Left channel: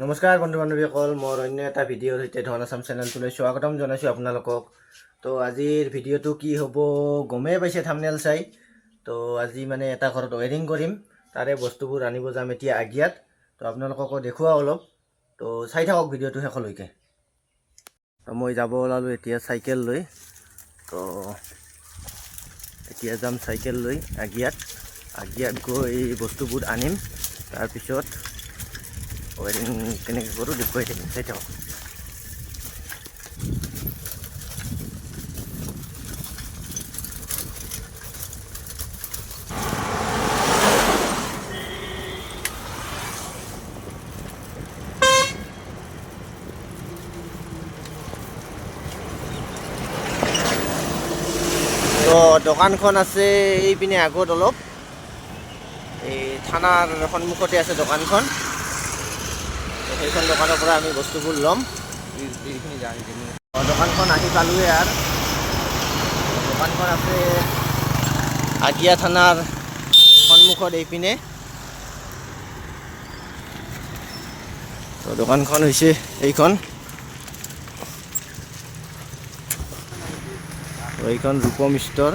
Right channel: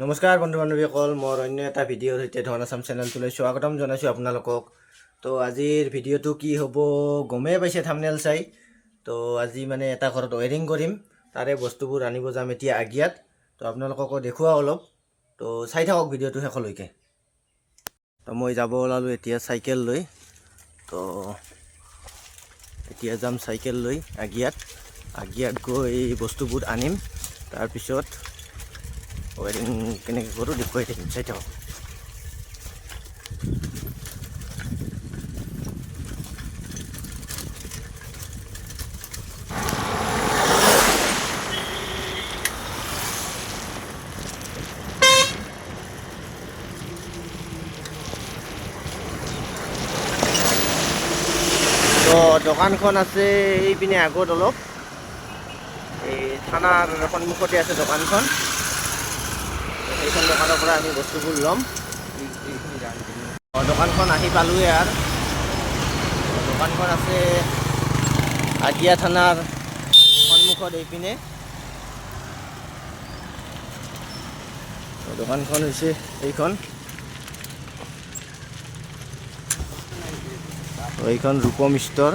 নমস্কাৰ বন্ধু বান্ধৱীসকল, মোৰ অন্য এটা ভিডিঅ'ৰ সৈতে ধন আছাম চেনেলটোলৈ স্বাগতম জনাইছোঁ আপোনালোকক। তো আজিৰ ভিডিঅ'টো কি হ'ব গমেই পাইছে থাম্বনেইল চাই। তো আজি মানে এটা ঘৰত ৱায়াৰিং কৰিম, তাৰে বস্তুবোৰ আনিব যাম এতিয়া আগিয়াত। তো আপোনালোককো দেখুৱাওঁ অলপ, তো চাই থাকক ভিডিঅ'টো শেষলৈকে। তো মই যাব ওলালোঁ এতিয়া চাইকেল লৈ। তো এতিয়া যাম চাইকেল লৈ আগিয়াত গৈ বস্তুবোৰ আনিম, তাৰপিছত ৱায়াৰিং কেনেকৈ কৰোঁ দেখুৱাই থাকিম, চাই থাকক। তো দোকানখন আছে এইপিনে আগত অলপ, এই থানাৰ সন্মুখতে আছে দোকানখন। সেইখন দোকানৰ পৰা আমি বস্তুবোৰ ল'ম। দোকানখন আহি পালোঁৱে আৰু। দোকানখন আছে আগিয়া থানাৰ সন্মুখত এইপিনে। তো দোকানখন হৈছে এইখন, এইখন ৰূপম ষ্ট'ৰ।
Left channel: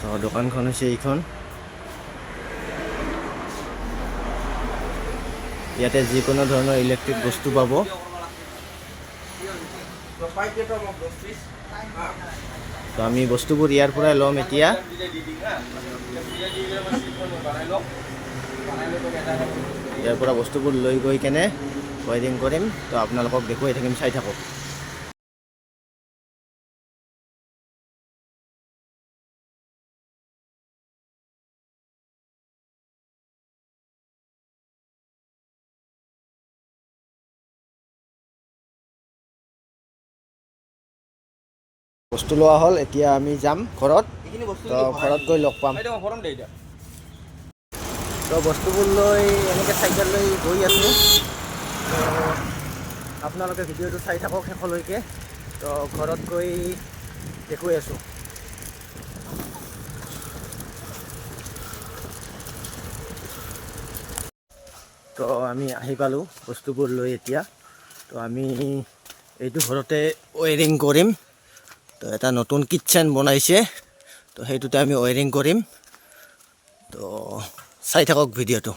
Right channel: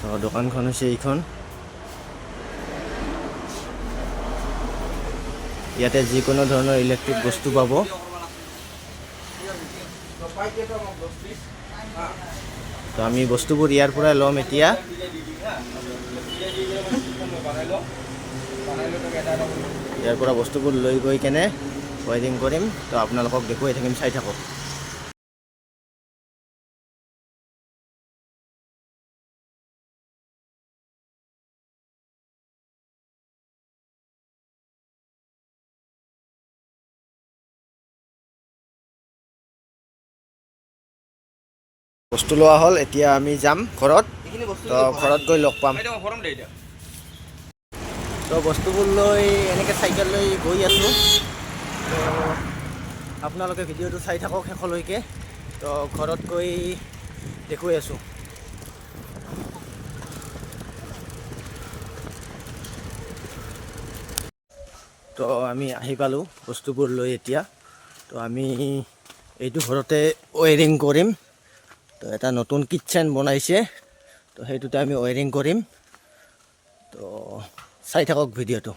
তো দোকানখন হৈছে এইখন। ইয়াতে যিকোনো ধৰণৰ ইলেক্ট্ৰিক বস্তু পাব। তো আমি বস্তুবোৰ ইয়াৰ পৰাই ল'ম এতিয়া। ইয়াৰ পৰা বস্তুবোৰ লৈ গৈ কেনে ৱায়াৰিং কৰিম। তো আপোনালোকক দেখুৱাই থাকিম, চাই থাকক। বস্তু লোৱা হ'ল, এতিয়া আমি যাম ঘৰত। তো ঘৰত গৈ লগ পাম। তো বস্তুবোৰ লৈ এনেকৈ চাইকেল লৈ গৈ আছোঁ। তো আপোনালোকে ভিডিঅ'টো চাই থাকক শেষলৈকে। তো ঘৰত গৈ দেখুৱাই আছোঁ। তো আমি আহি পালোঁ বস্তুবোৰ লৈ এতিয়া। তো আমি এইটো ঘৰতে ৱায়াৰিং কৰিম। তো এটা নতুন কিটচেন বনাইছে, তো সেইটোতে আমি ৱায়াৰিং কৰিম। তো চাই থাকক ভিডিঅ'টো।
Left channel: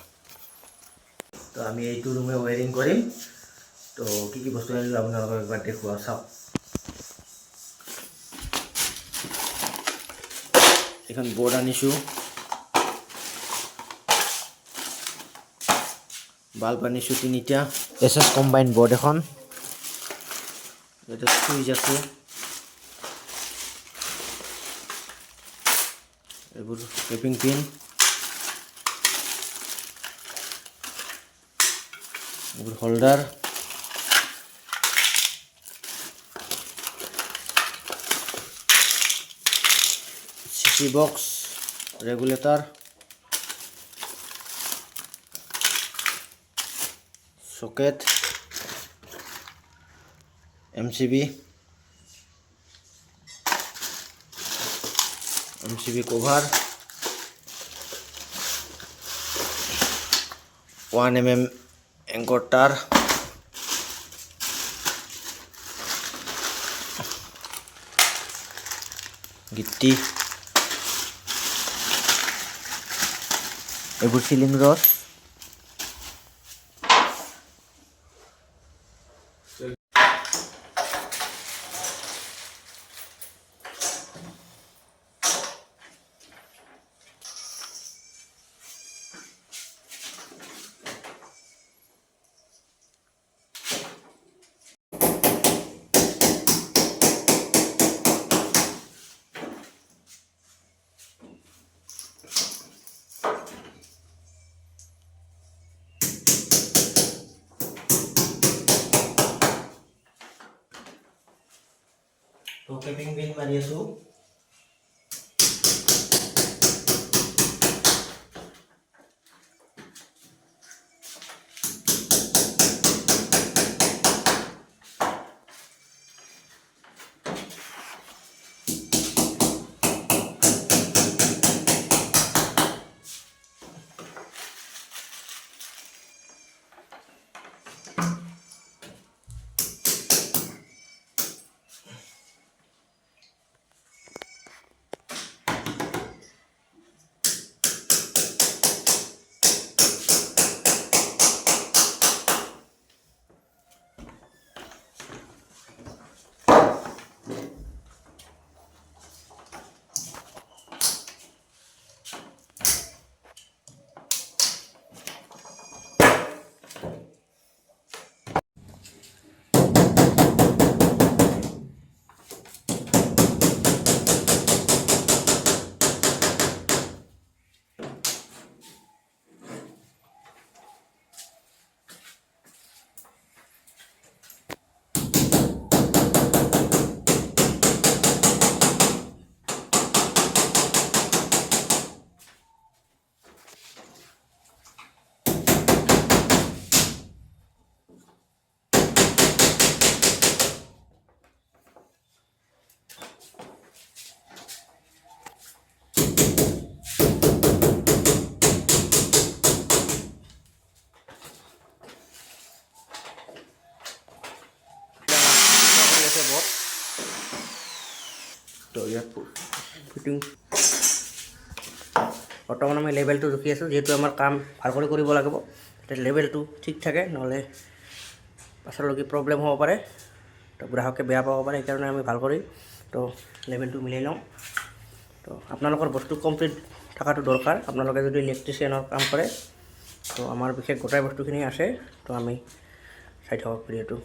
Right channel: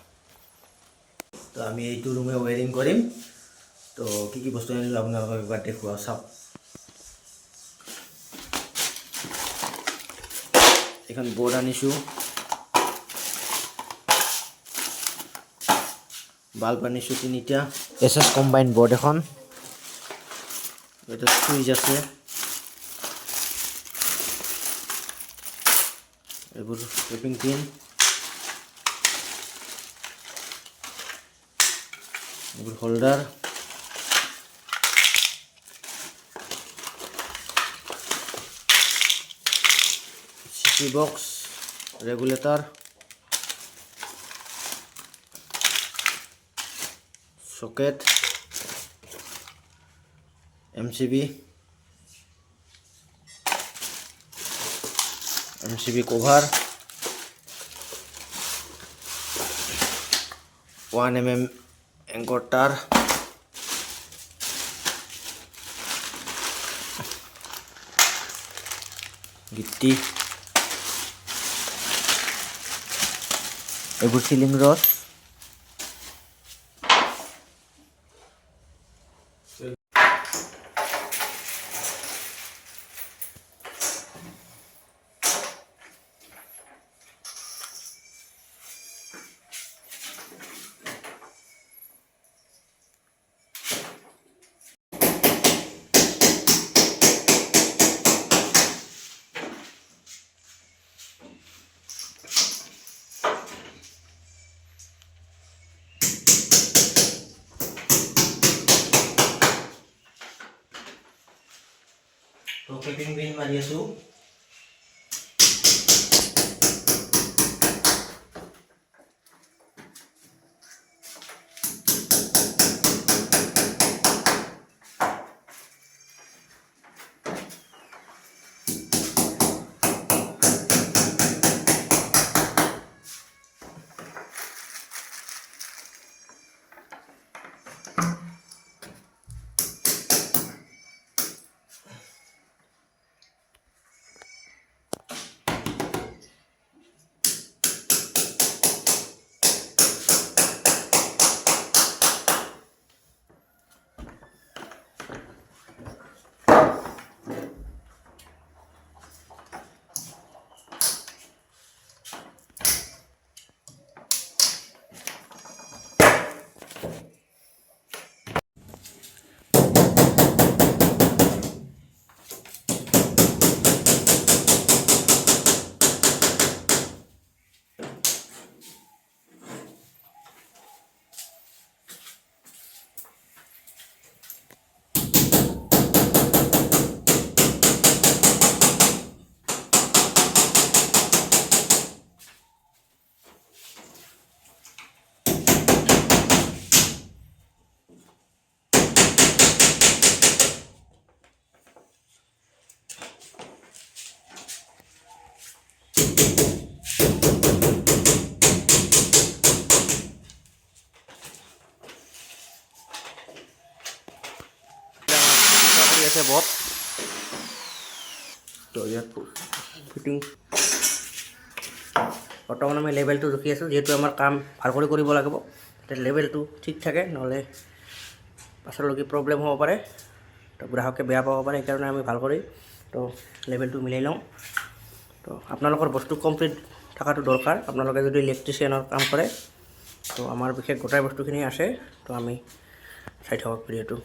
তো আমি এইটো ৰুমে ৱায়াৰিং কৰিম। তো কি কি বস্তু আনিলোঁ আপোনালোকক এবাৰ দেখুৱাওঁ, চাওক। এখন বৰ্ড আনিছোঁ, বাল্ব আনিছোঁ 3টা, এছ কম্বাইন বৰ্ড এখন, এটা চুইচ আছে, এইবোৰ টেপিং পিন, এইবোৰ holder, CC box, regulator, socket, MCB cover, 1mm anchor তাৰ, গিট্টি, এইবোৰ চিলিং ৰড, তো টেপিং পিন মাৰি আছোঁ। আছে বট তো ইয়াত ফিটিং বৰ্তমান আমি লেভেলটো ৰখি আছোঁ যিহেতু আমাৰ কাম ভাল কৰি কৰিব লাগিব তেতিয়া লেভেলটো ঠিক থাকে নহ'লে পাছলৈকে প্ৰব্লেম হ'ব পাৰে তো গ্ৰাহকে বেয়া পাব পাৰে সেইকাৰণে আমি ভাল কৰি তো লেভেলটো মিলাই লওঁ তো আপোনালোকৰ বস্তু কমপ্লিট থকাটো দৰকাৰ আপোনালোকে যদি ইলেক্ট্ৰিচিয়ানৰ কাম কৰে তো আমাৰ বিশেষ গোটাই বস্তুখিনি আছে তো আমি চাই থাকক ভিডিঅ'টো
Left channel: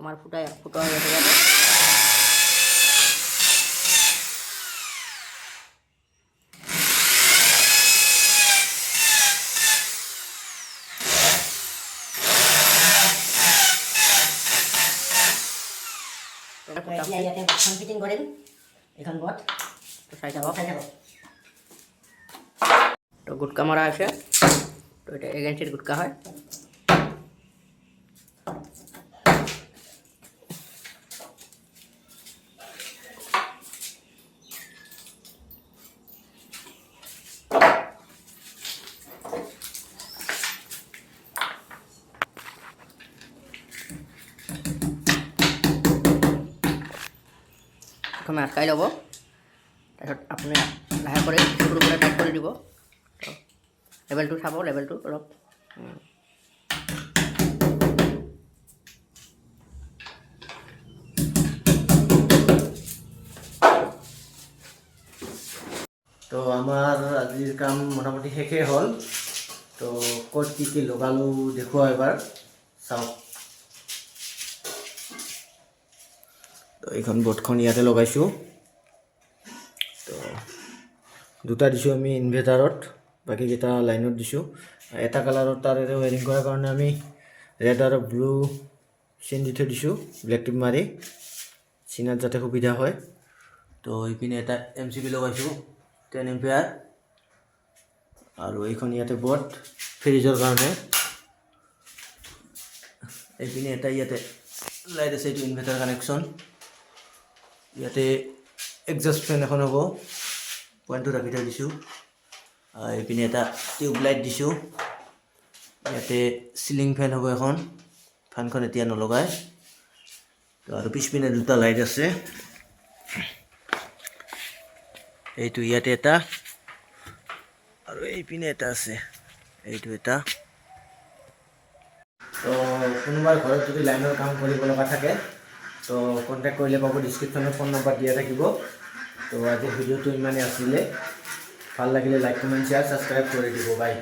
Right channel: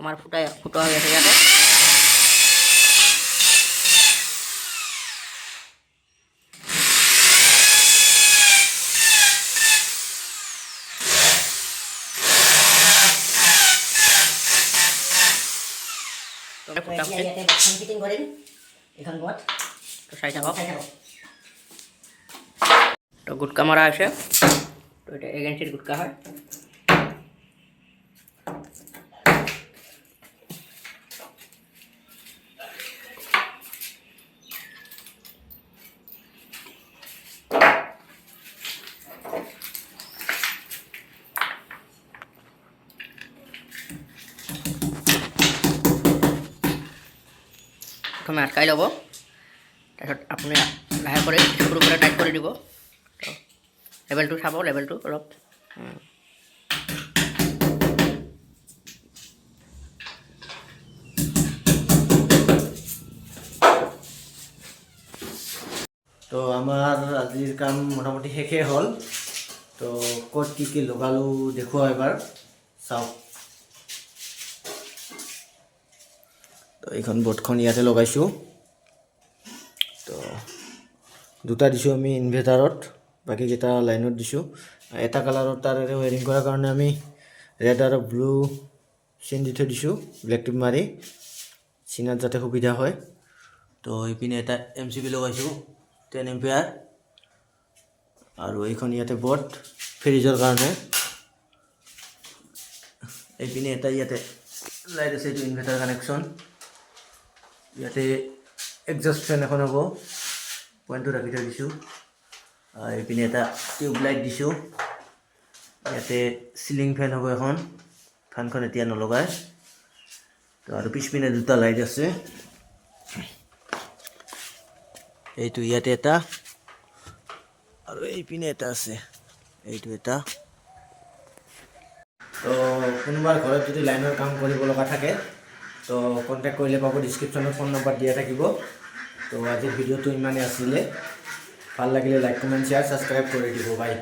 আমাৰ ফুটা হৈ আছে ইয়াতে ফিটিং কৰিম এখন বট তো চাই থাকক চাই থাকক তো গুটকা মাৰা আছে তো এটা এজেঞ্চিৰ গুটকা হয় প্ৰথমে আটকাই ল'ব তাৰপিছত আপুনি লাহে কৰি স্ক্ৰু কৰি টাইট কৰি দিব তো লেভেলটো চাব লেভেলটো অলপ তো আমাৰ আজিৰ কাম মোটামুটি শেষেই হ'ল তো ক'ত কি লগালোঁ দেখুৱাওঁ এবাৰ চাওক তো এইখন বৰ্ডখন ইয়াতে লগাইছোঁ তো দুটা দিছোঁ আমি ইনভাৰ্টাৰত বাকীকেইটা লাইনত দিছোঁ এটা কালাৰত তাৰেৰে ৱায়াৰিং কৰাৰ কাৰণে আমি ৰেড আৰু ব্লু চেইন দি থৈ দিছোঁ ব্লেক টিপ মাৰি চিনাত যাতে সুবিধা হয় তো এইপিনে এটা MCB লগাইছোঁ 10 এম্পিয়াৰ আৰু এইখন ইয়াতে বৰ্ড ফ্ৰিজৰ কাৰণে এইপিনে এটা ইয়াতে লাইট আছে এইটো ইনভাৰ্টাৰ কানেকশ্যন ইয়াতে এক্সজষ্ট ফেন এখন হ'ব পইণ্টটো ৰাখি থৈ দিছোঁ এইপিনে এটা টিউব লাইট দিছোঁ ইয়াতে চিলিং ফেন হ'ব এখন ফেনখন এতিয়া নলগায় তো আৰু পিছপিনে দুটা লাইট আছে এইটো ইয়াতে এটা আৰু এইপিনে এটা আছে এইটো এটা তো কোনোবাৰ ঘৰত যদি লাইনৰ কাম কৰিব লগা থাকে তো কণ্টেক্ট কৰিলে পাব ডিছক্ৰিপশ্যনত ফোন নম্বৰ দিয়া থাকিব তো আজিৰ ভিডিঅ'টো ইমানেই আছিলে ভাল লাগিলে লাইক কমেণ্ট শ্বেয়াৰ ছাবস্ক্ৰাইব কৰি দিব বাই